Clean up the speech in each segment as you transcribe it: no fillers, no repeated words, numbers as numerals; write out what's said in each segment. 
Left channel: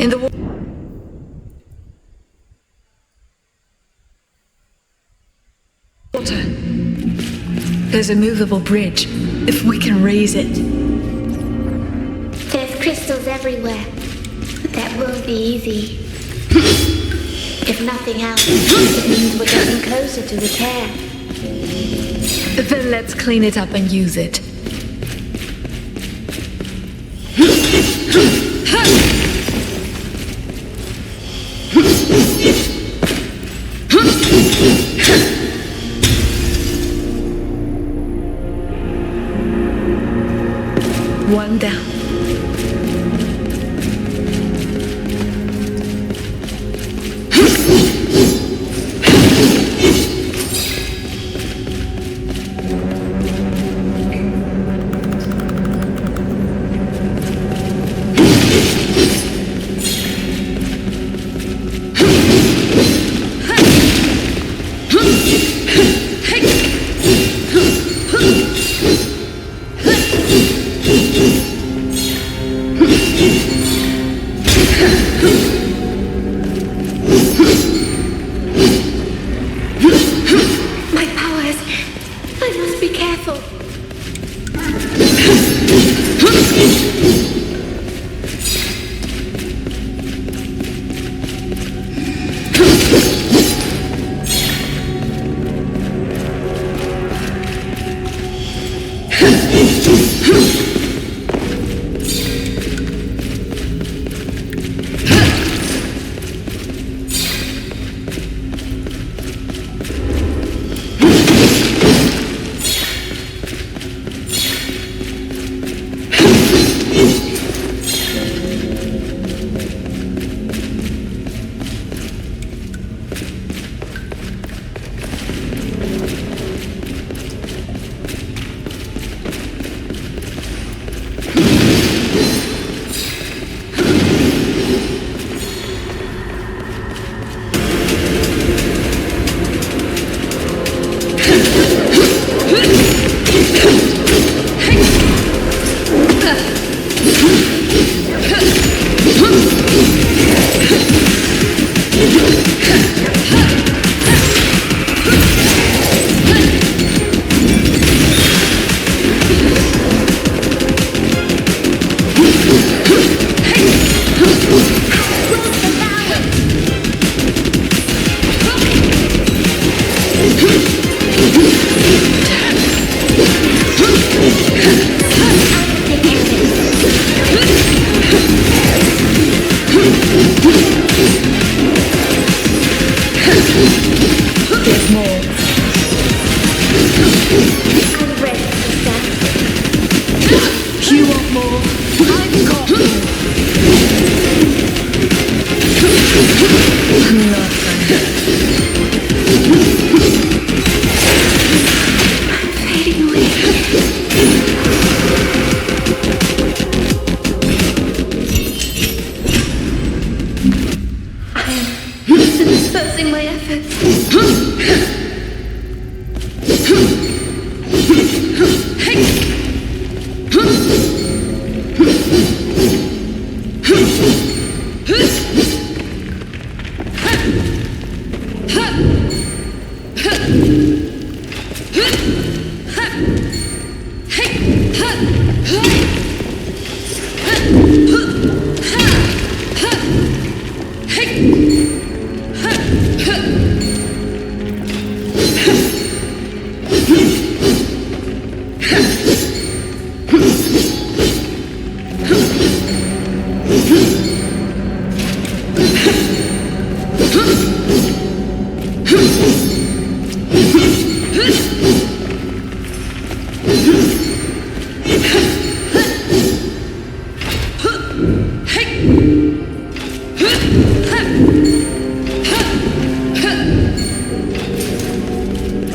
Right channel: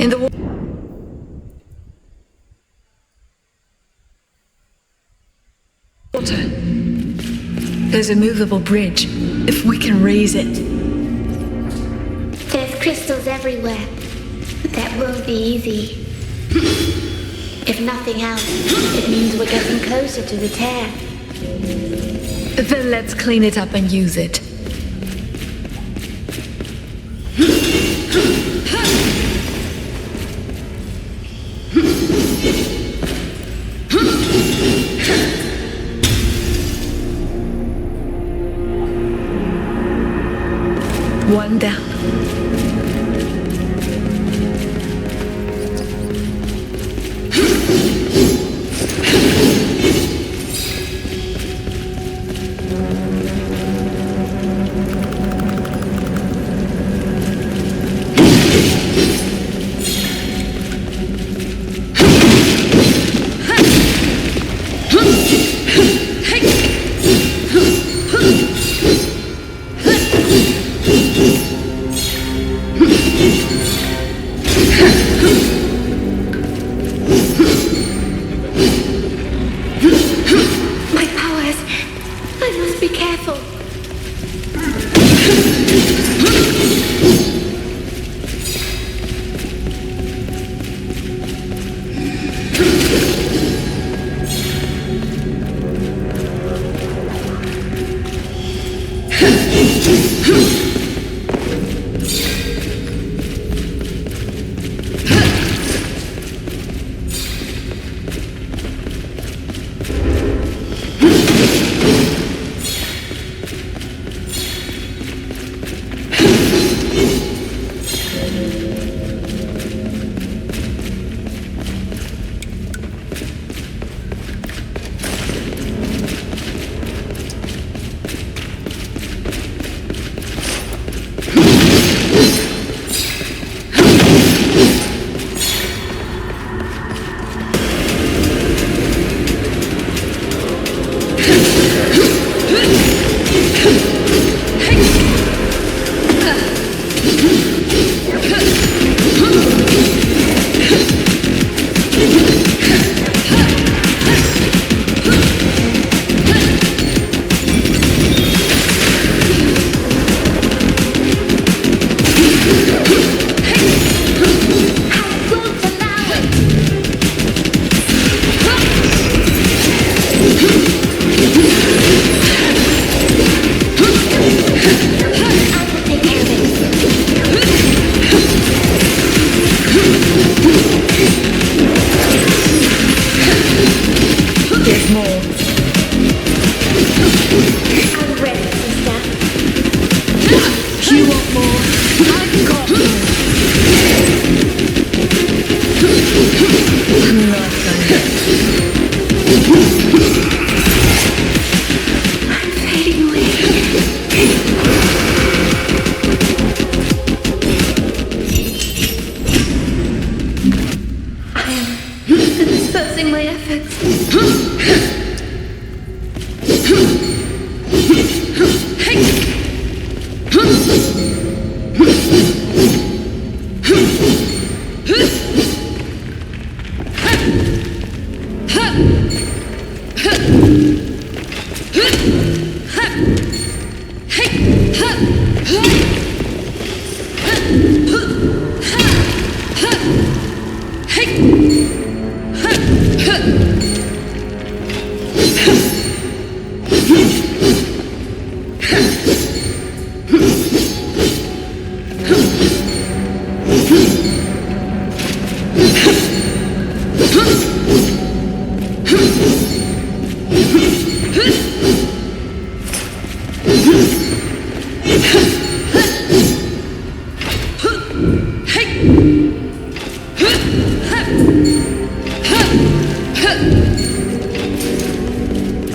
In the water, there's a movable bridge. If we can raise it. There's crystals everywhere, but that won't be easy. If nothing else, it means we're getting closer to the tear. Then let's clean it up and use it. One down. There's more. I'm ready, sister. You want more? I've got more. Nothing. I'm fading away. jeopardizing my efforts.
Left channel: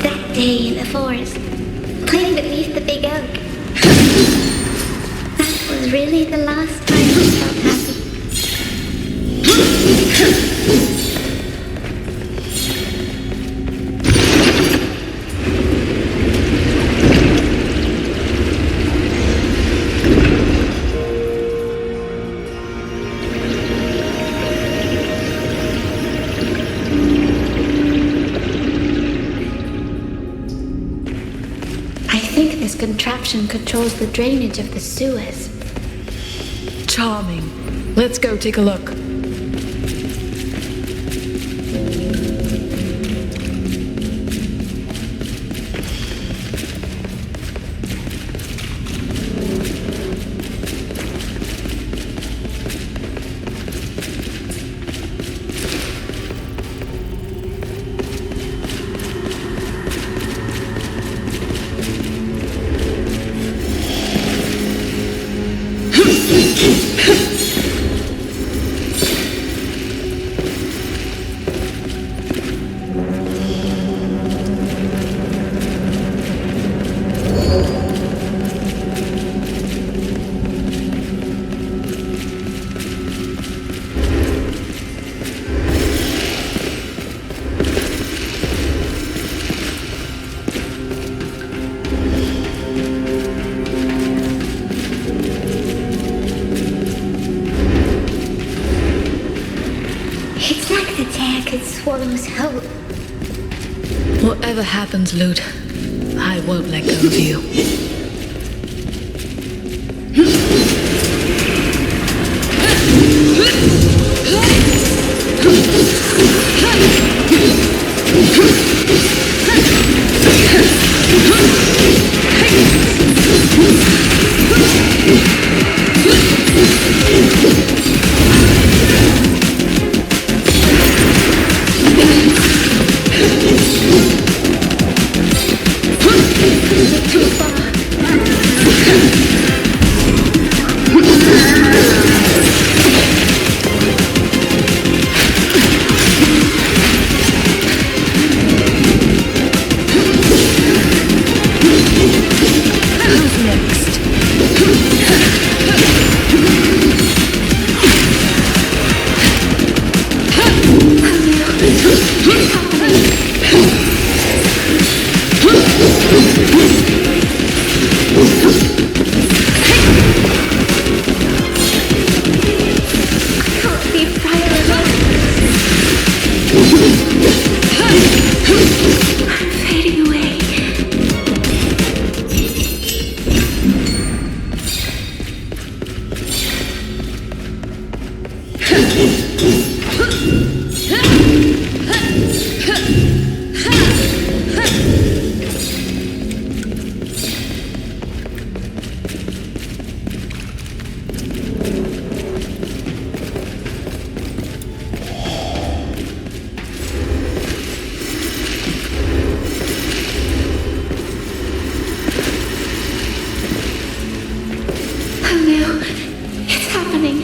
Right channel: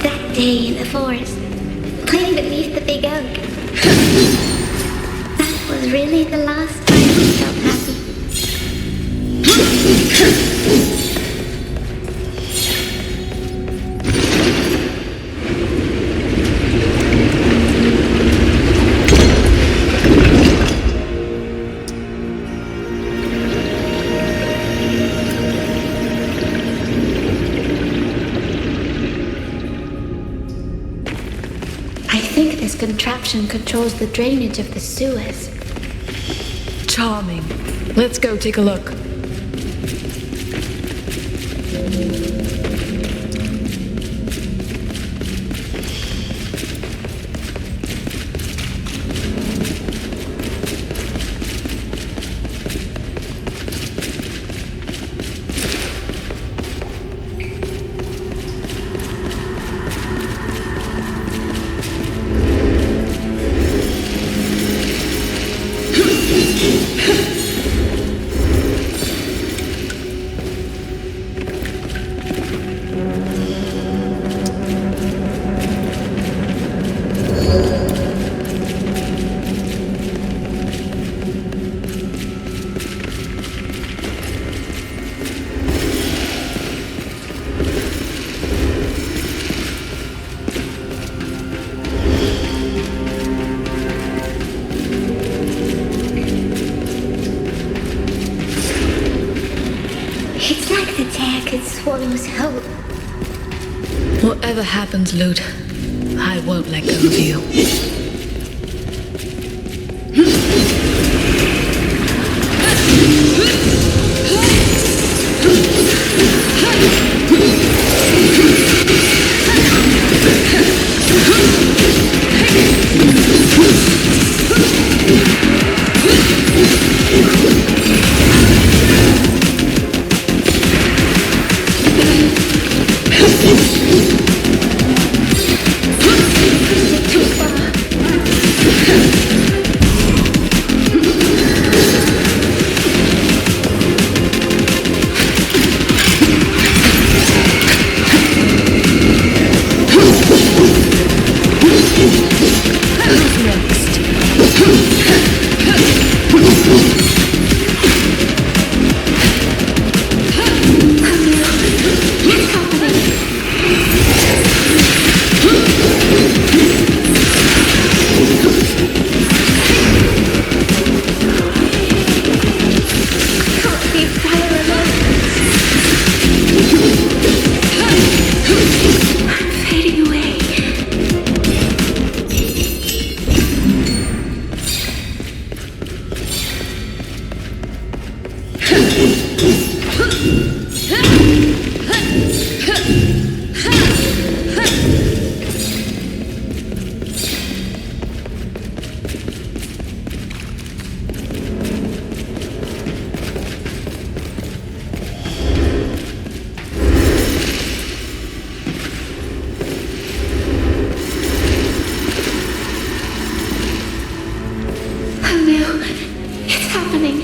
That day in the forest, playing beneath the big oak. That was really the last time I felt happy. I think this contraption controls the drainage of the sewers. Charming. Let's go take a look. It's like the tear could swallow hope. Whatever happens, Lute, I won't let go of you. Too far. Who's next? Can't be fire alone. I'm fading away. Oh no, it's happening.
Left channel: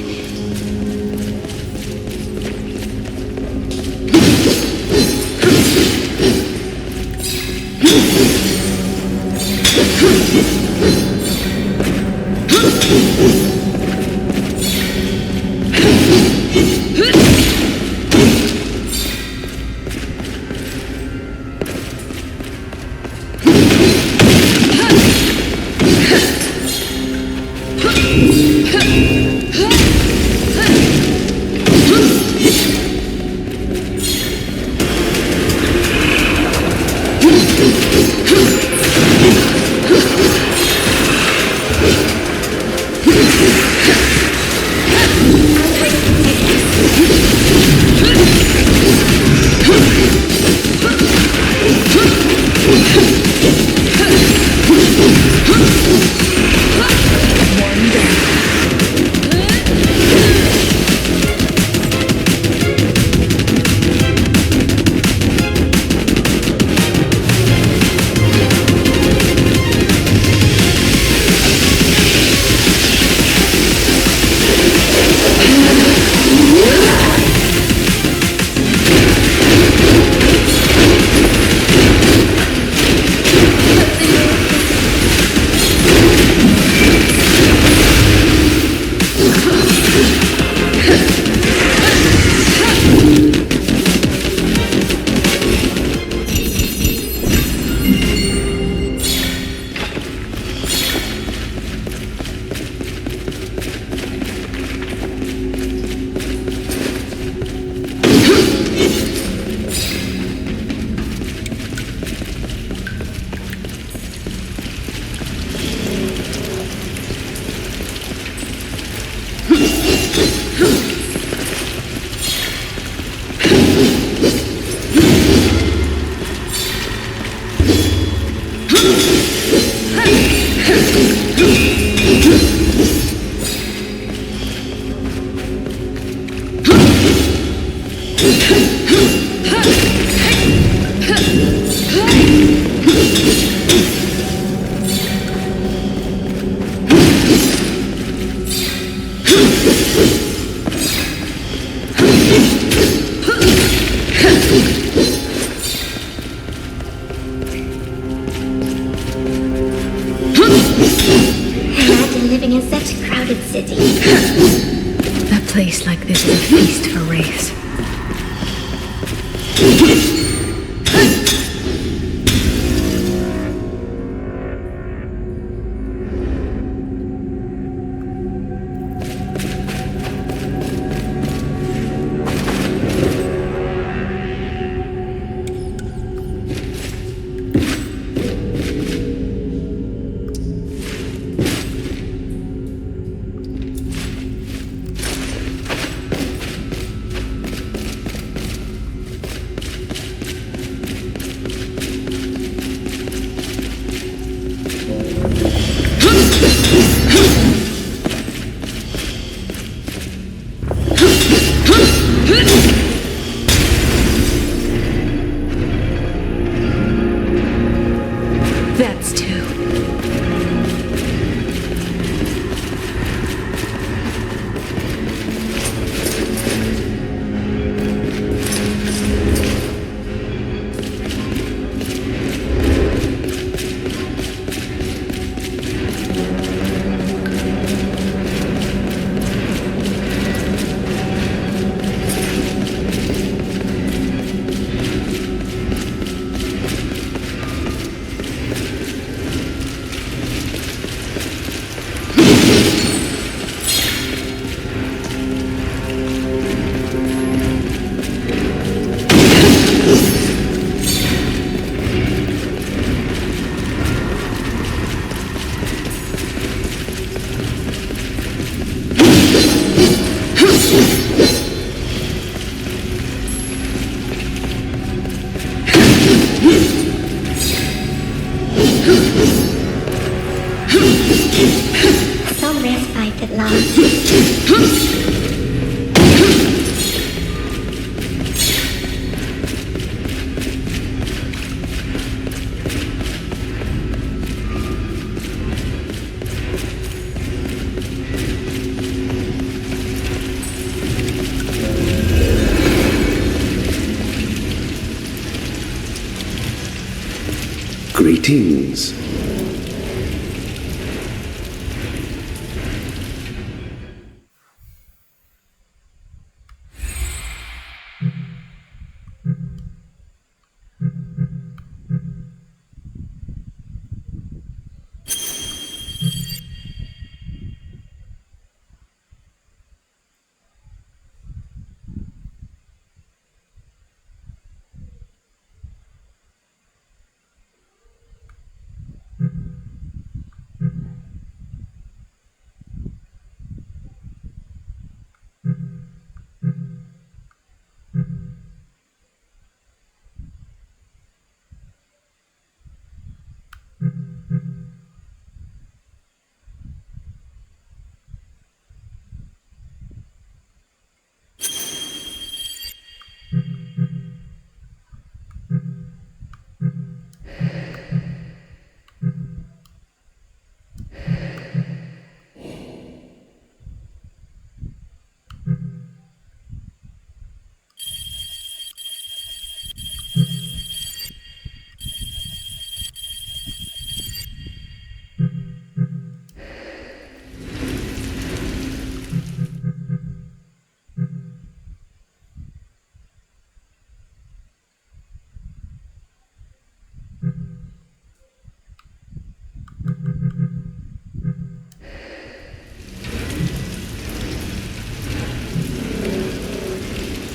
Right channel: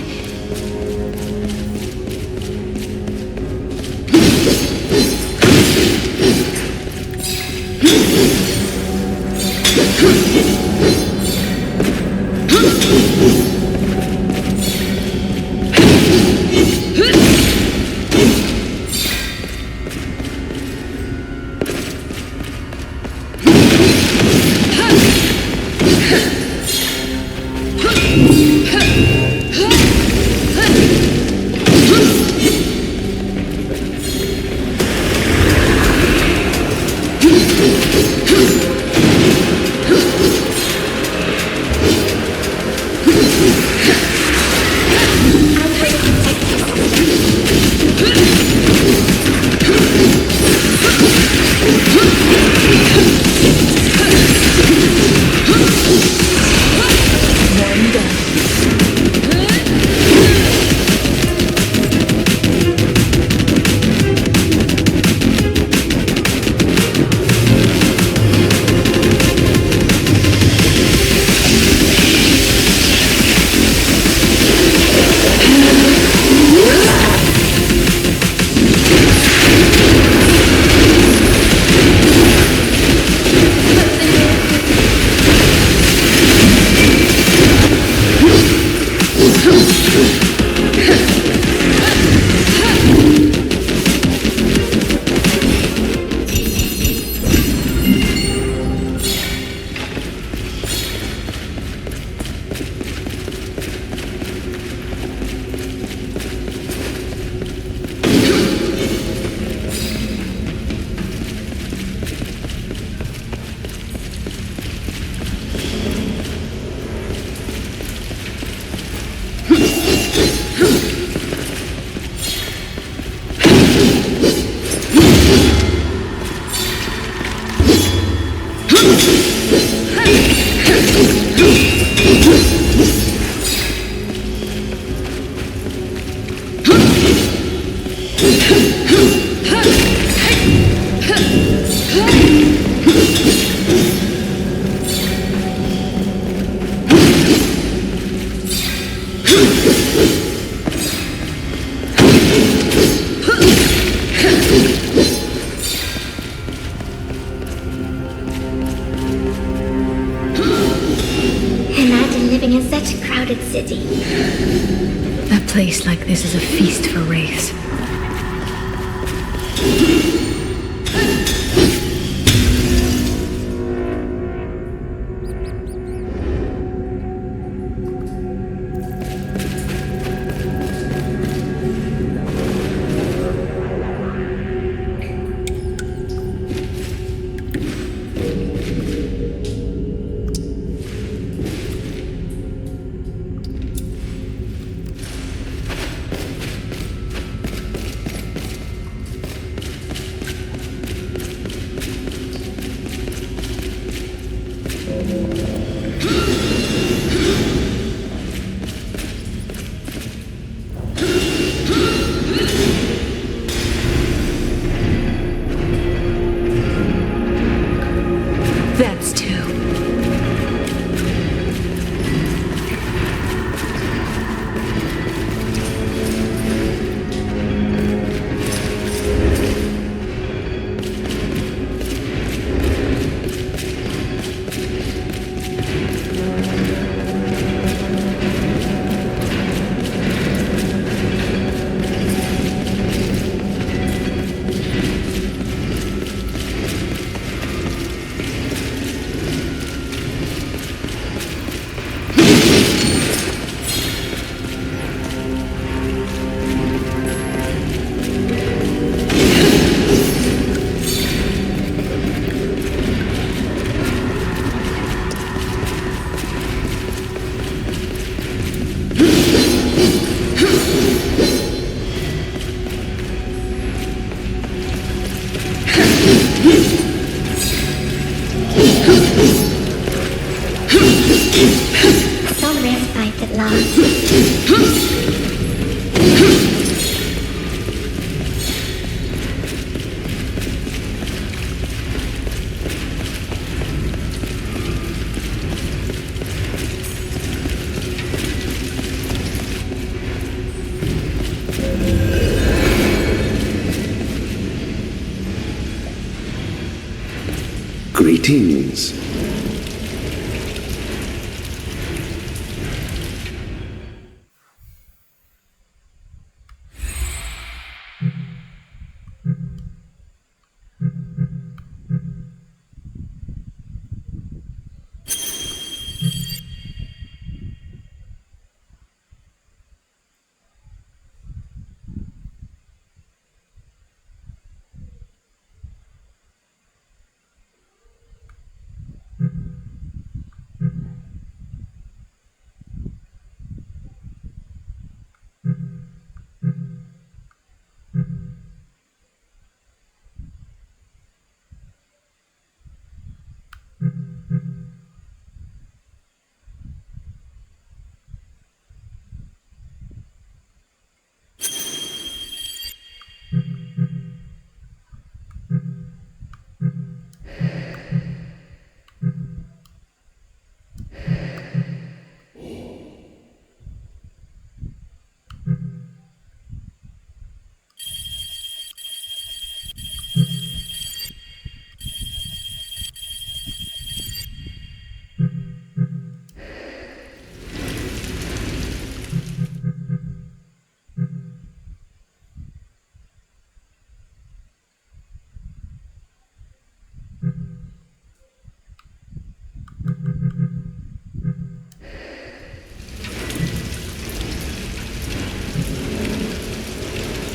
place like this is a feast for wraiths. That's two. Some respite at last. Greetings.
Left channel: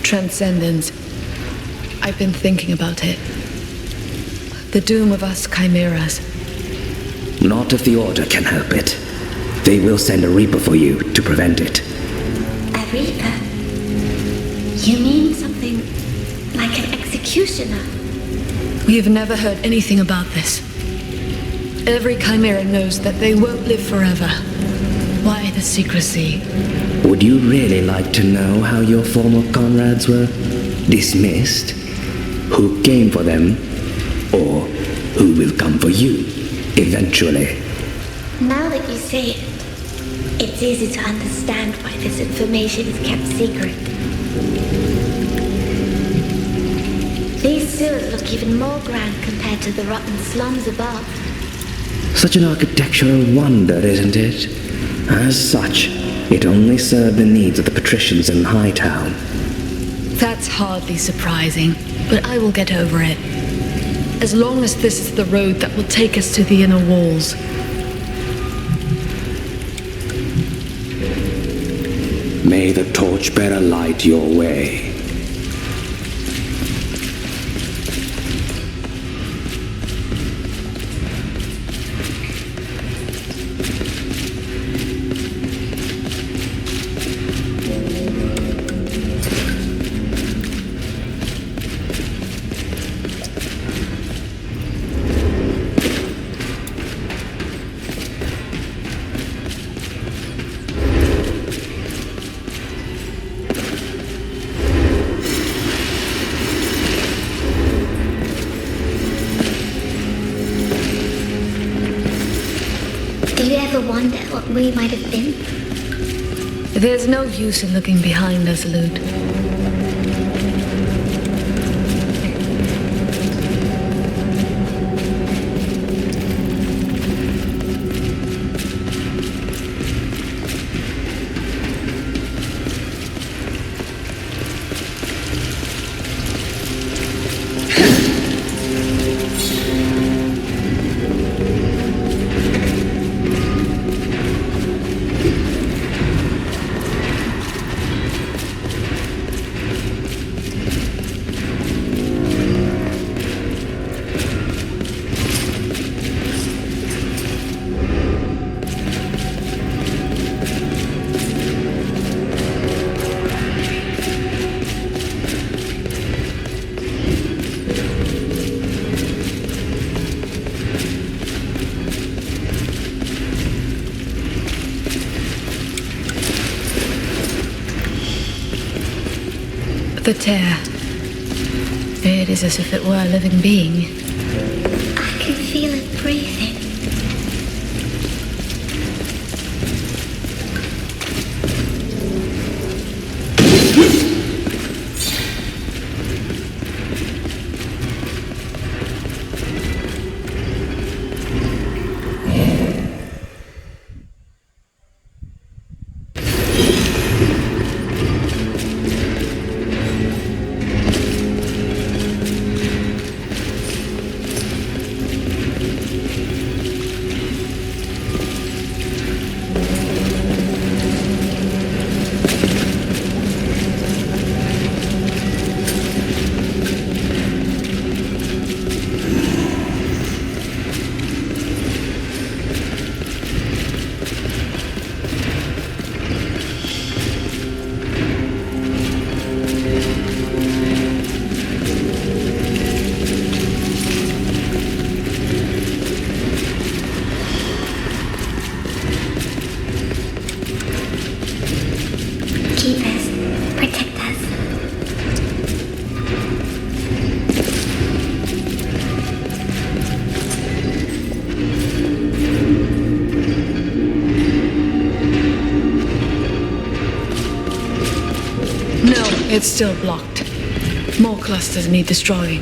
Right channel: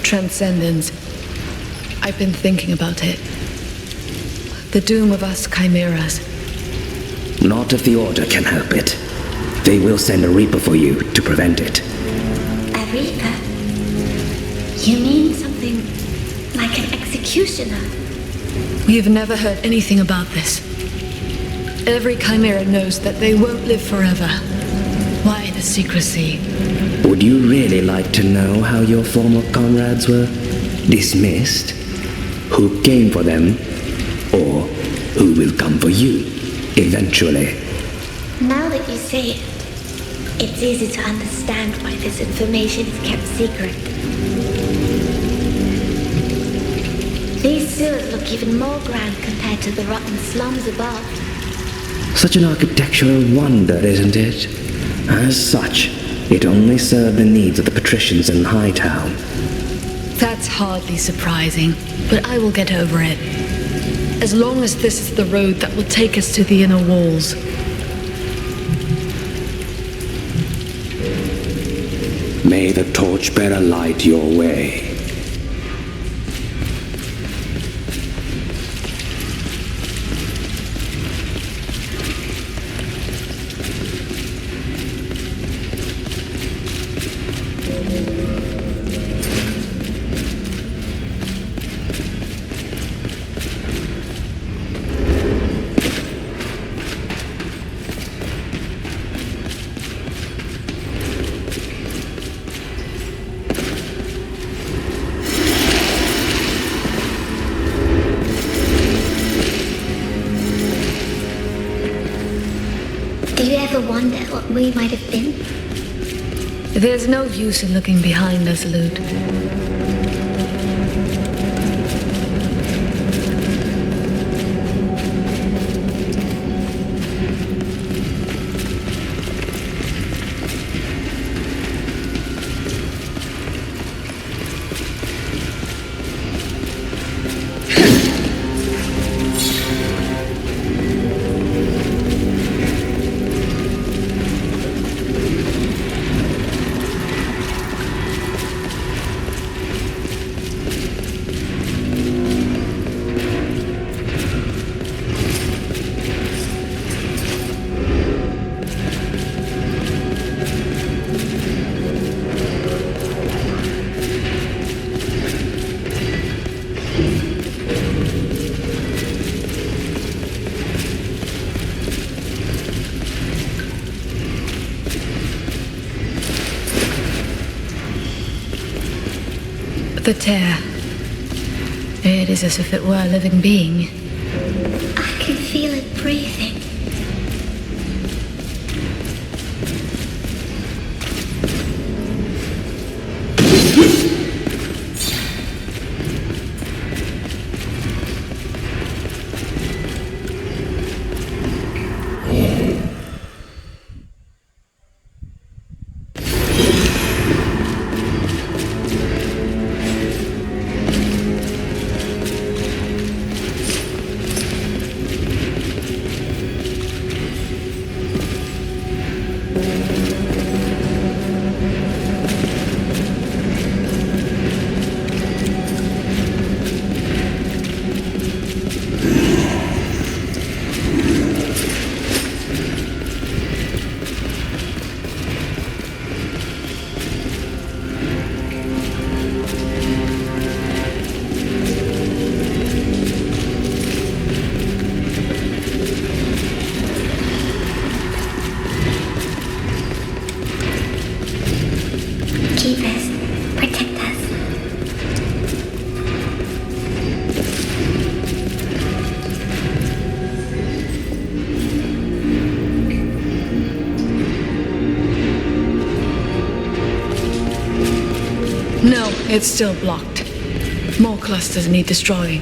Transcendence. I've been thinking about it. The doom of us chimeras. Not if the Order can help it. They will send a Reaper for you to prevent it. A Reaper? You mean something like an executioner? We have never heard anything about this. Every chimera knows that they won't live forever. Why the secrecy? Would you really like to know how your former comrades were dismissed? Who came for them? Or who will come for you, eventually? Now that you say it, it's easy to understand why this information is kept secret. These sewers look even more grand compared to the rotten slums above. Such an architectural wonder, isn't it? As such, It only served the needs of the patricians in Hightown. That's hardly surprising, but I will get over it. As long as this is the road that will take us to the inner walls. May the torchbearer light your way. Do you ever wonder what we might have been? There's no use in looking behind us, Lute. The tear. It is as if it were a living being. I can feel it breathing. Keep us. Protect us. No, it's still blocked. More clusters need destroying.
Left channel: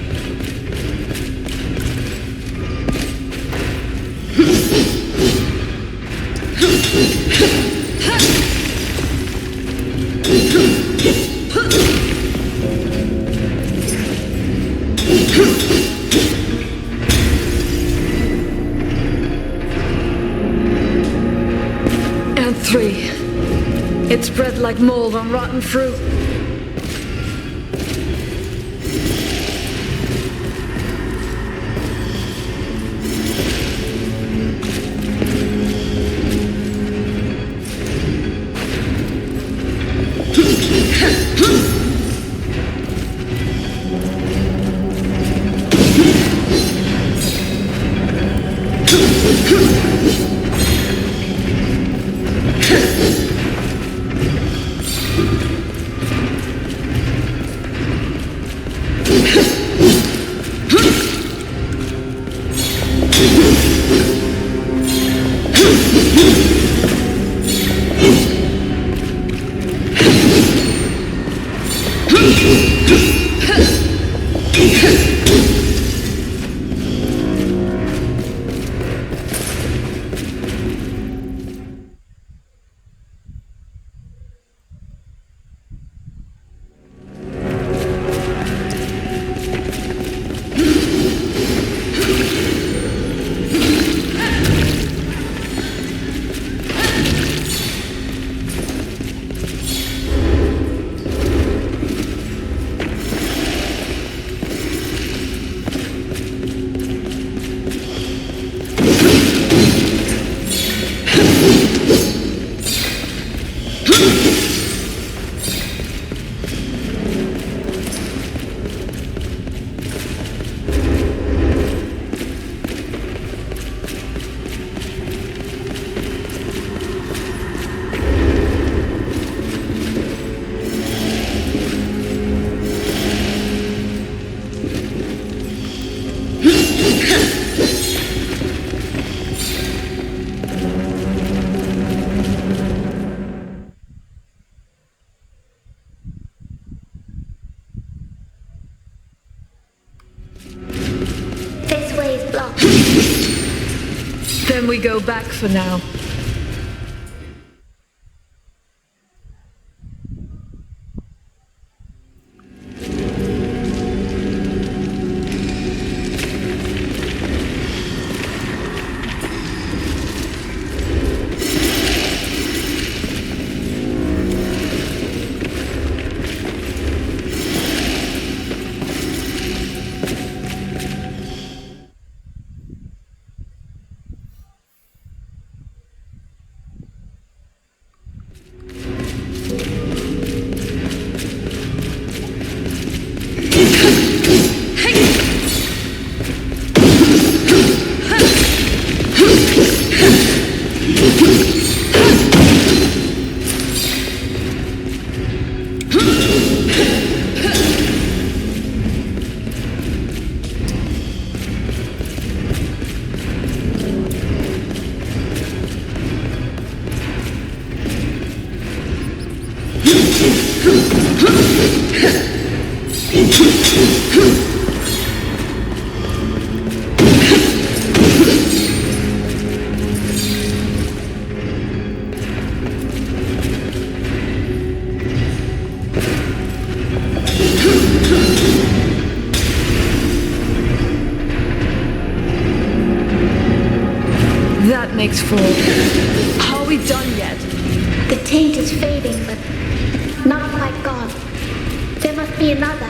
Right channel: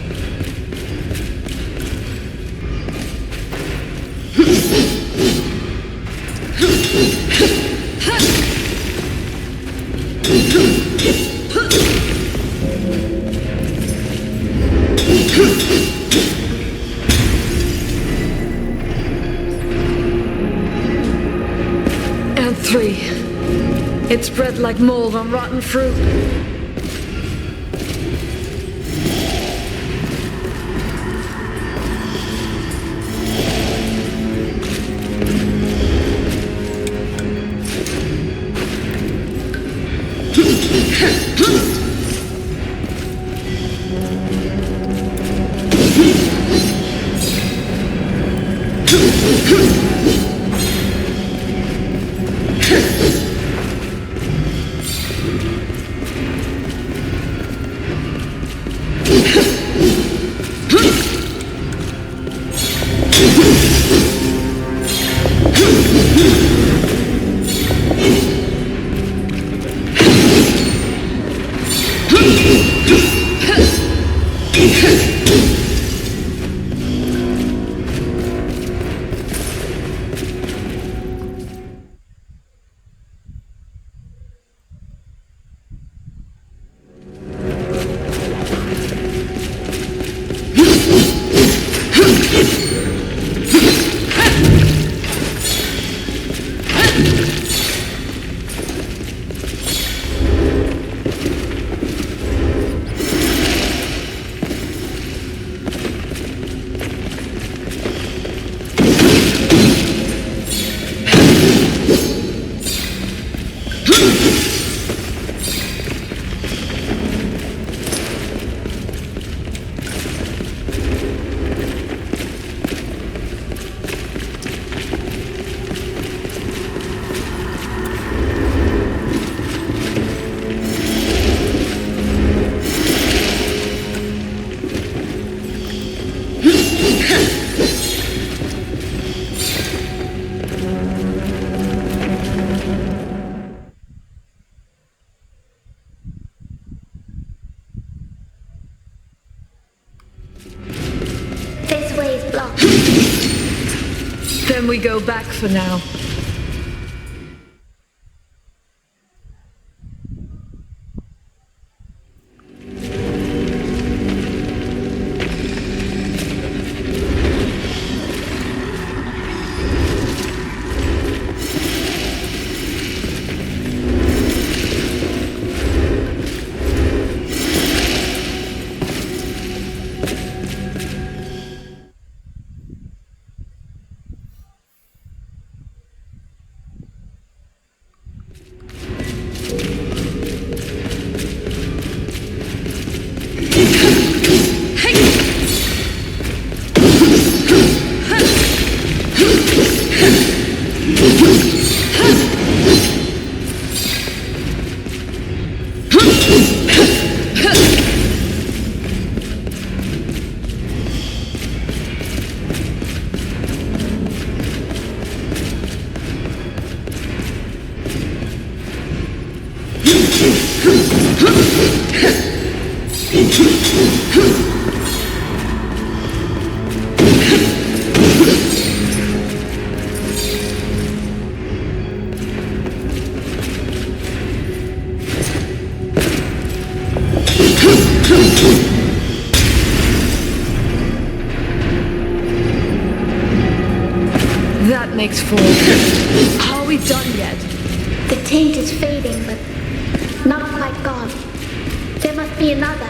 And 3. It's spread like mold on rotten fruit. Can we go back for now? That makes four. Are we done yet? The taint is fading, but not quite gone. There must be another.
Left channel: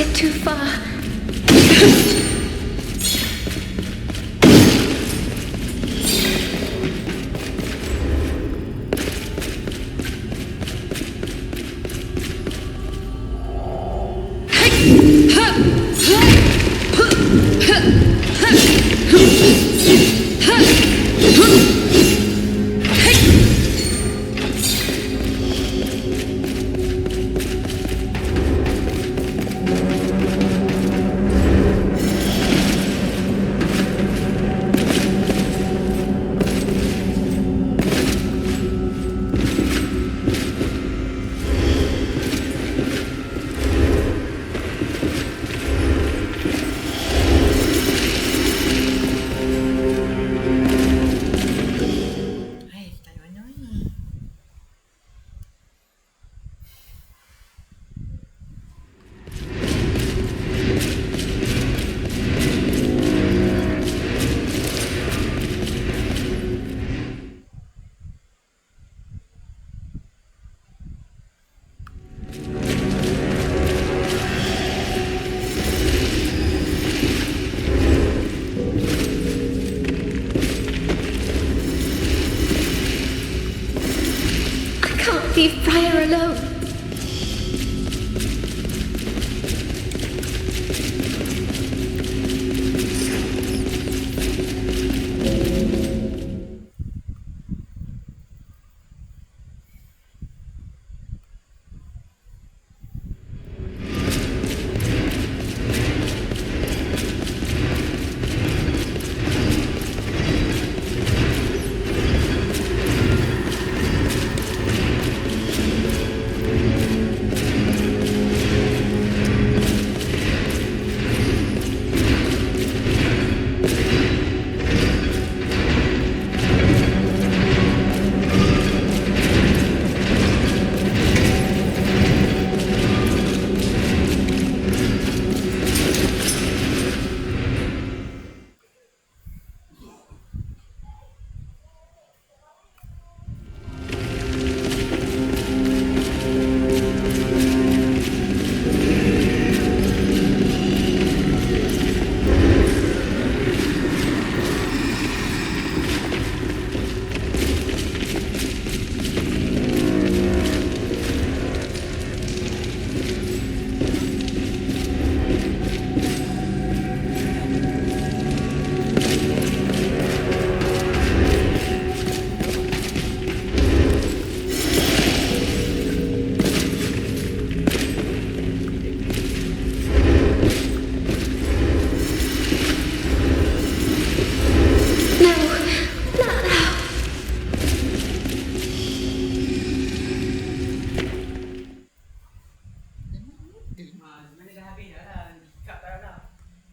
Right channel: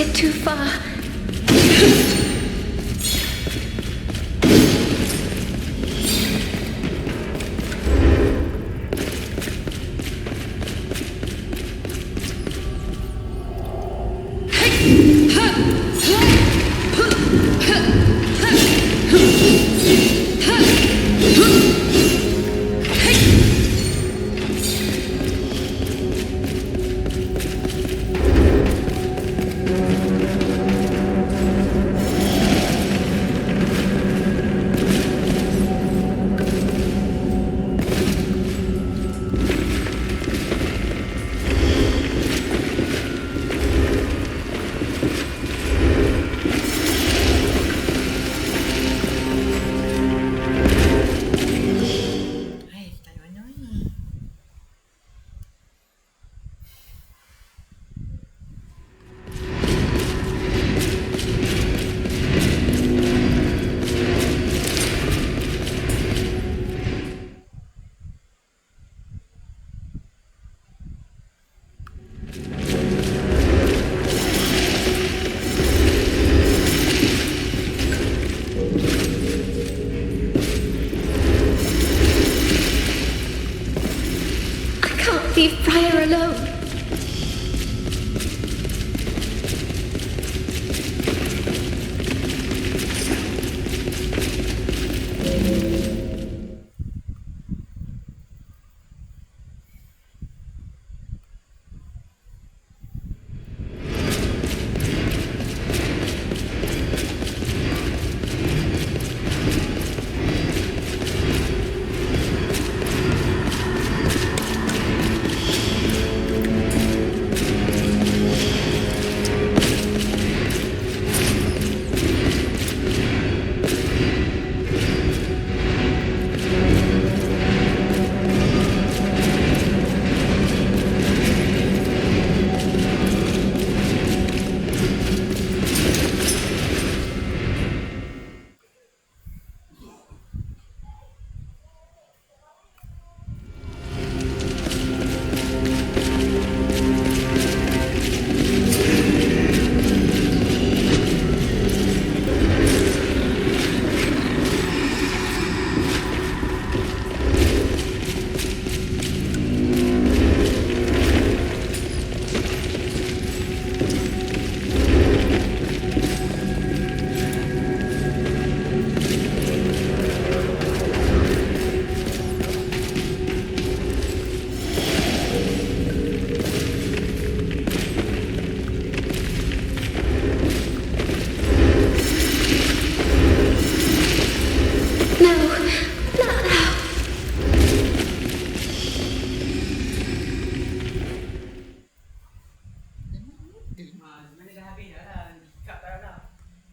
it too far. Leave Friar alone.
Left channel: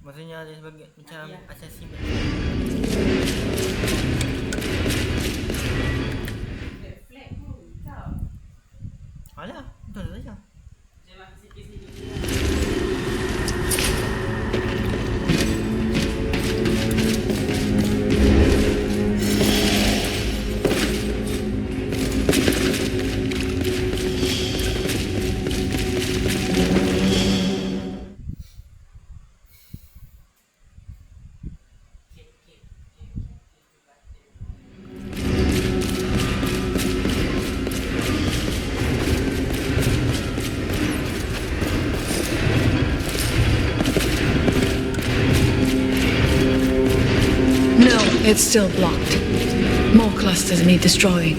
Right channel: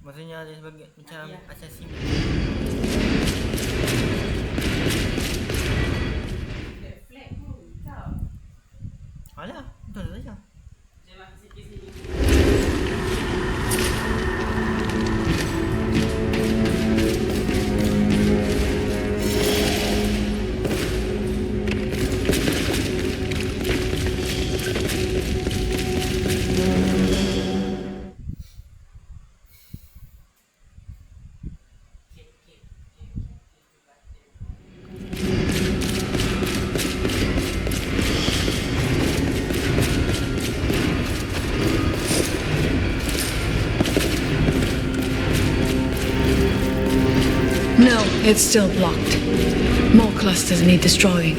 Maksudnya dia sebagai macam assassin. Alah, betul saja. No, it's still blocked. More clusters need destroying.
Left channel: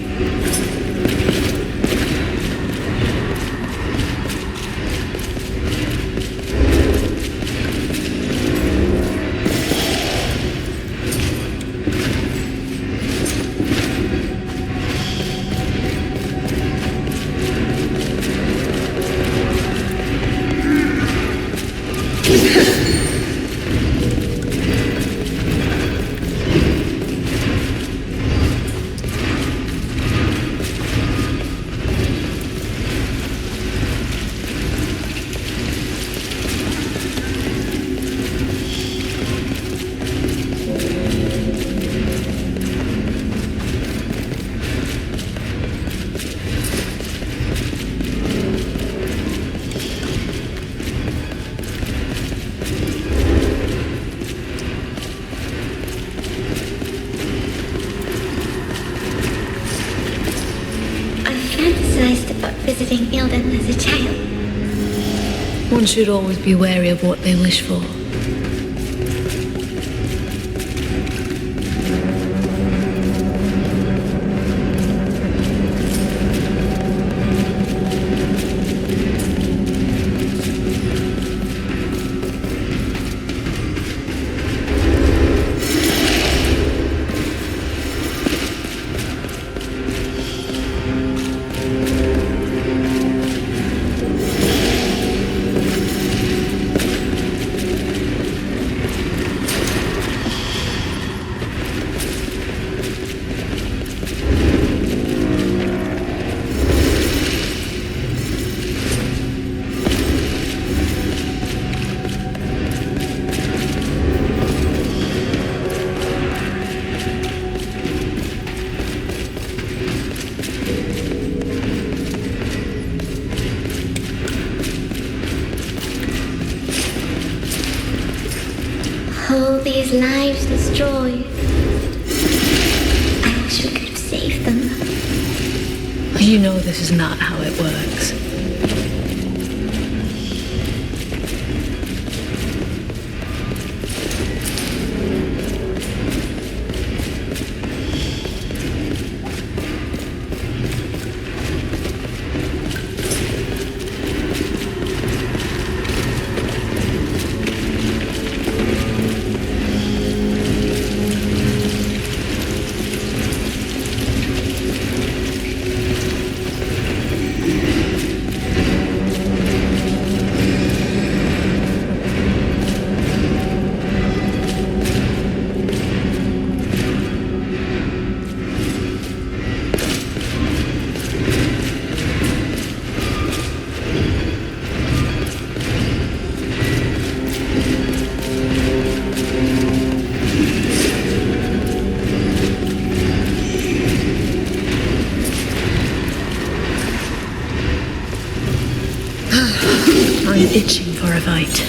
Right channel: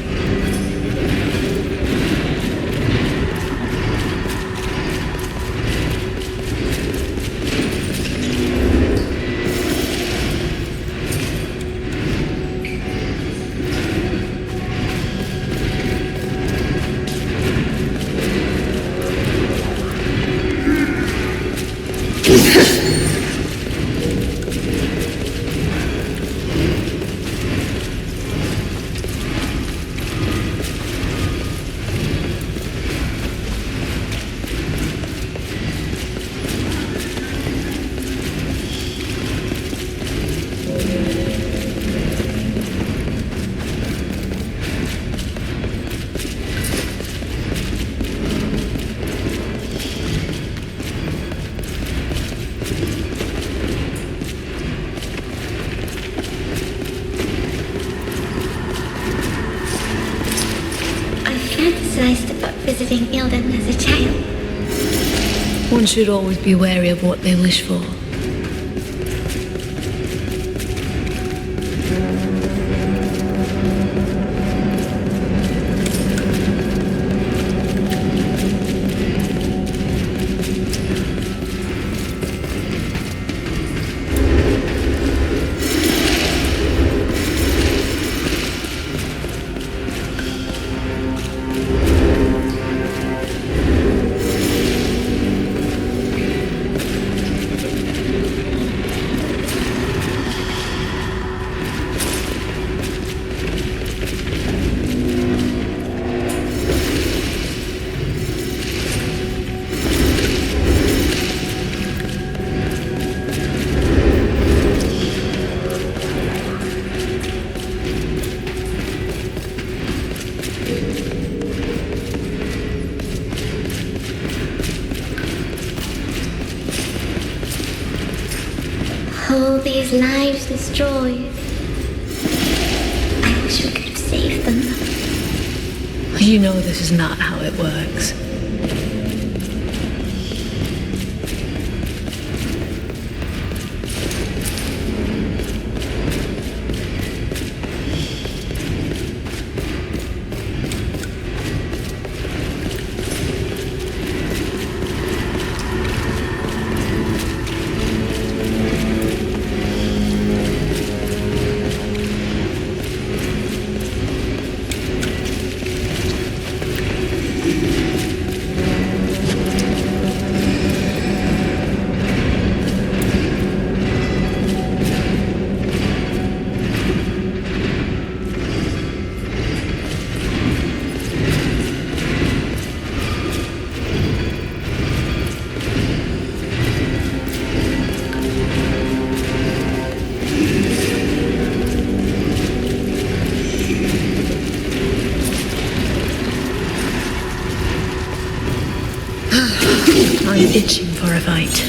visiting Ilden as a child. One should always be wary of what they wish for. All these lives destroyed. I wish we could have saved them. You know this is not how it works. I'm itching for a fight.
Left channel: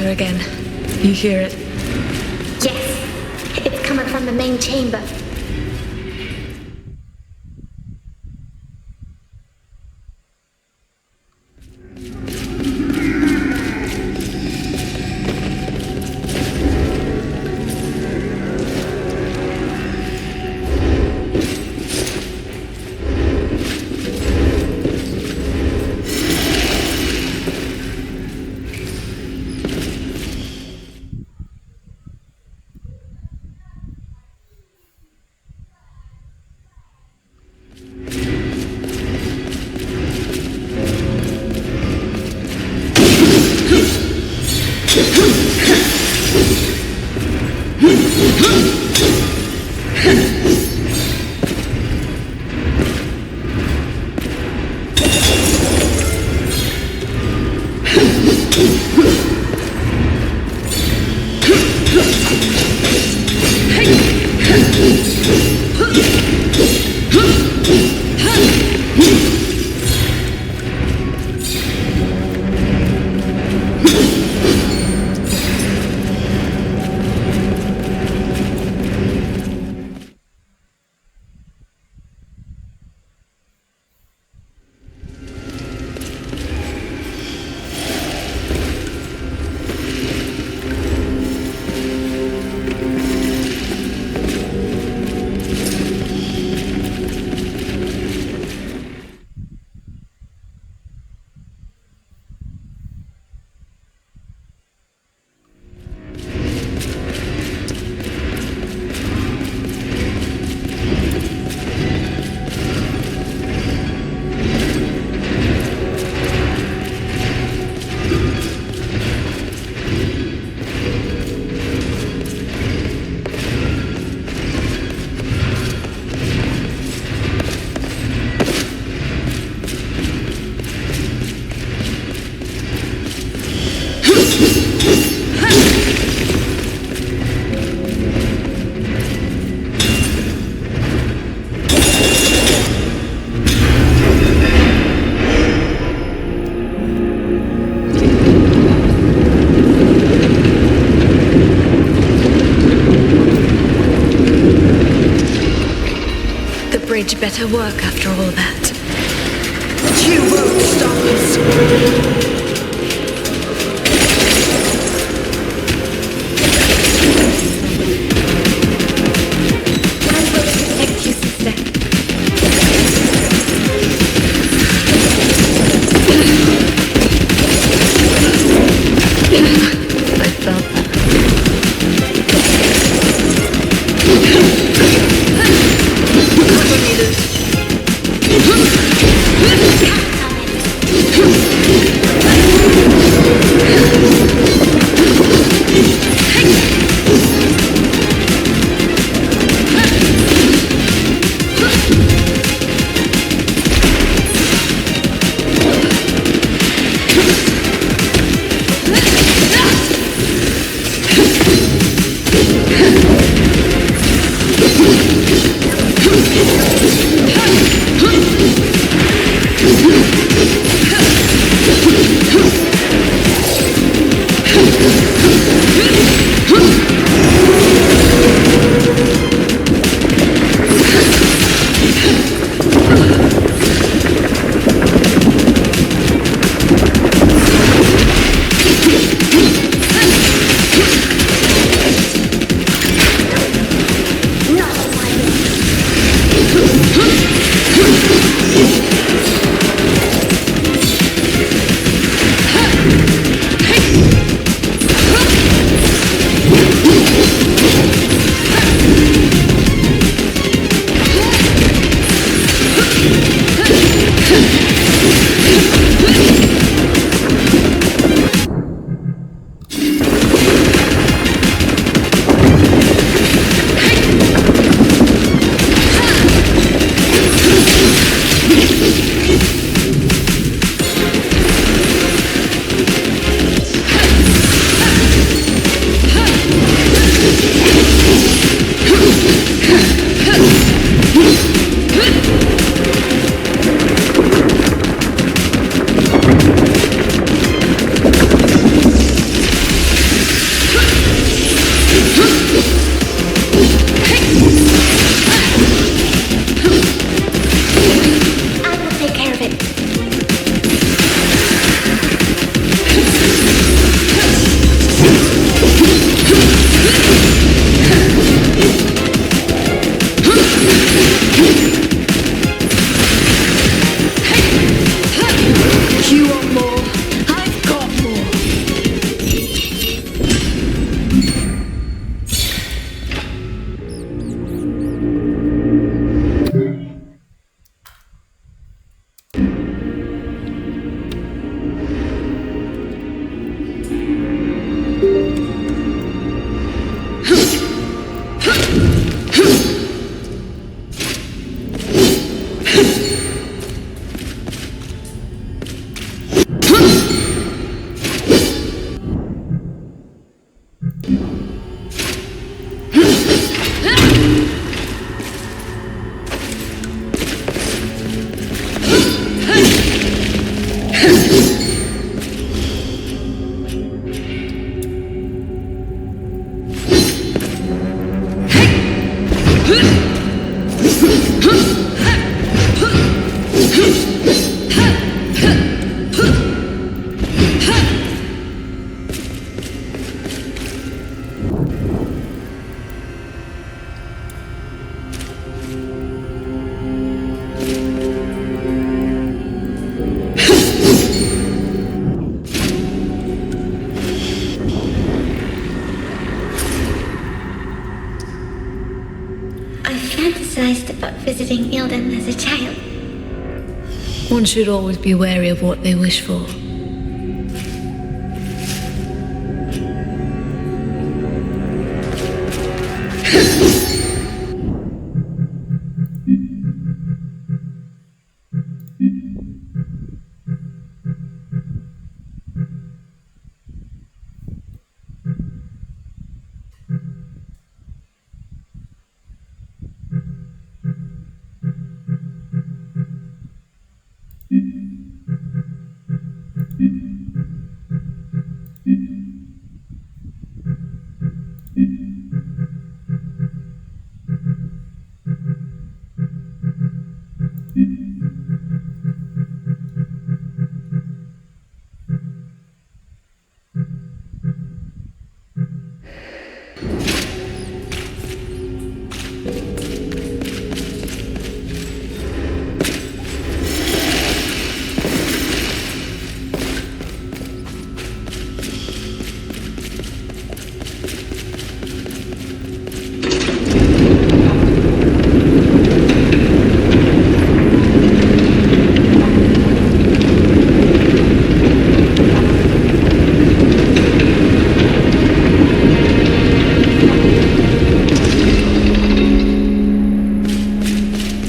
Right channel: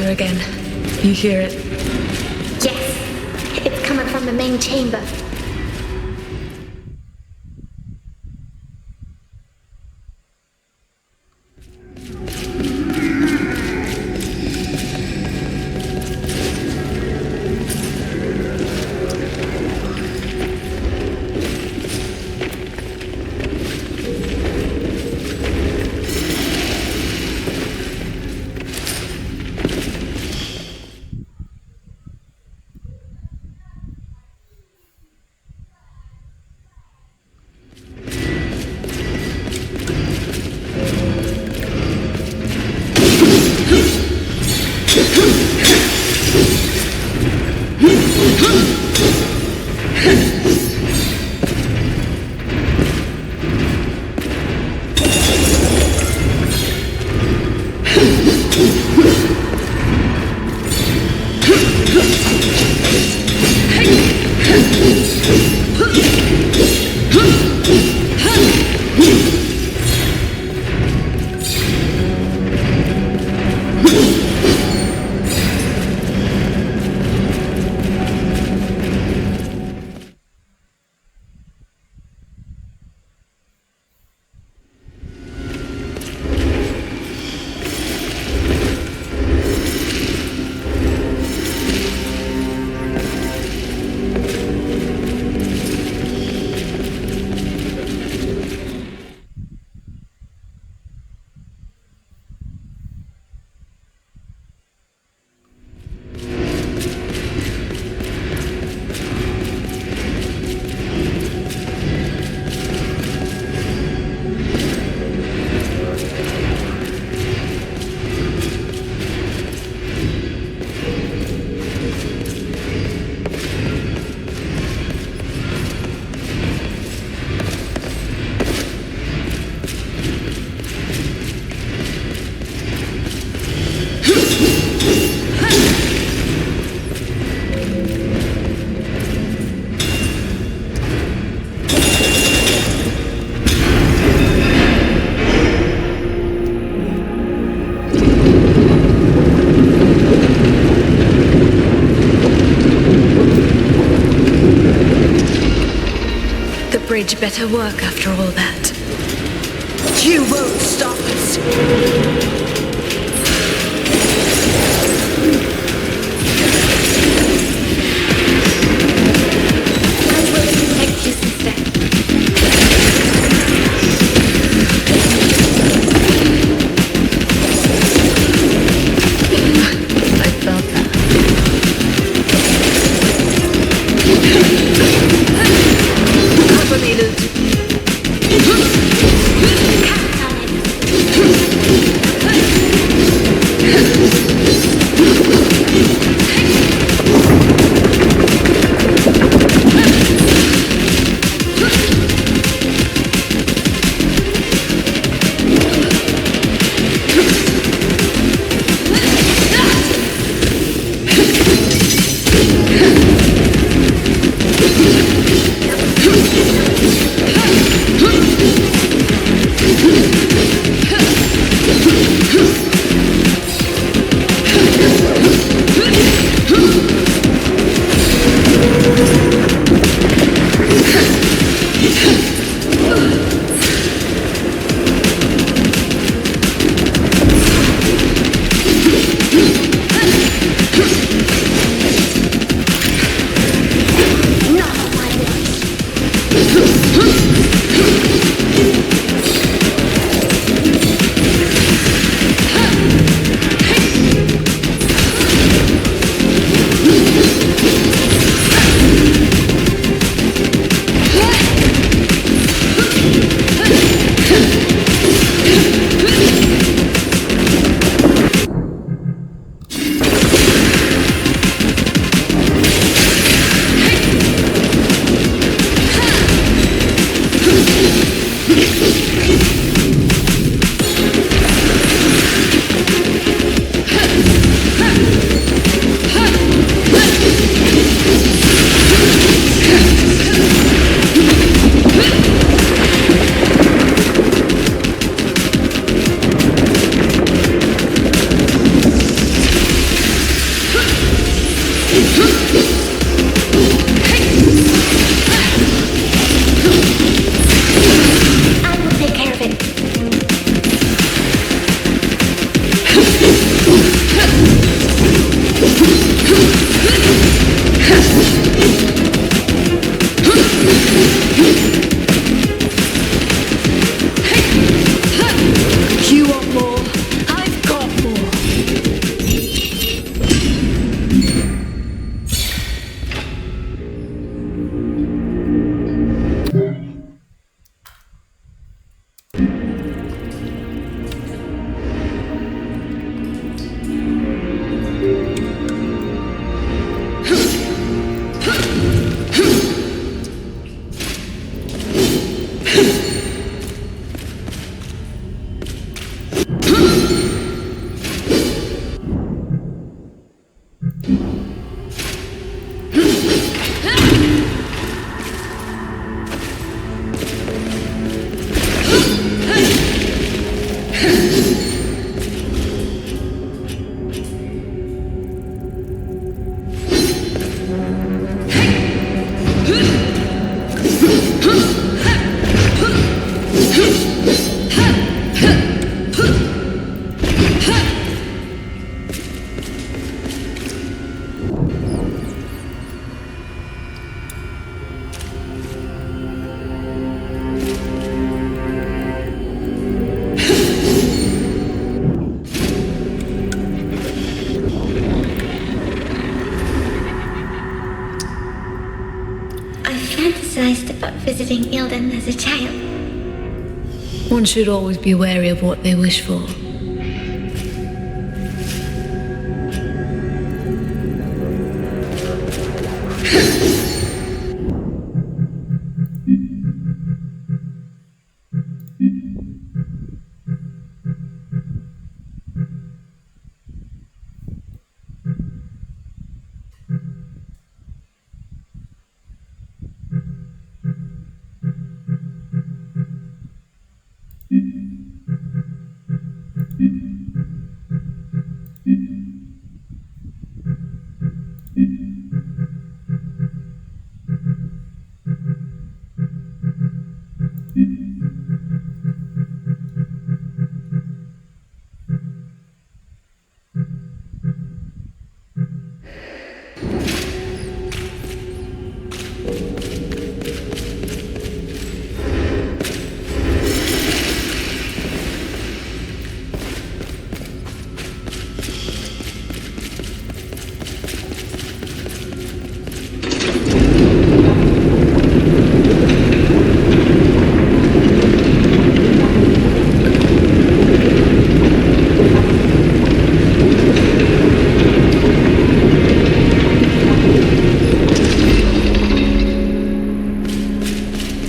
her again. You hear it? Yes, it's coming from the main chamber. bridge better work after all that. You won't stop us. I will protect you, sister. I felt that. Cover me, Luke. I fantasized about visiting Ilden as a child. One should always be wary of what they wish for.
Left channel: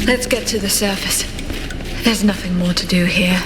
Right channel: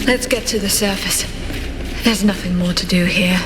Let's get to the surface. There's nothing more to do here.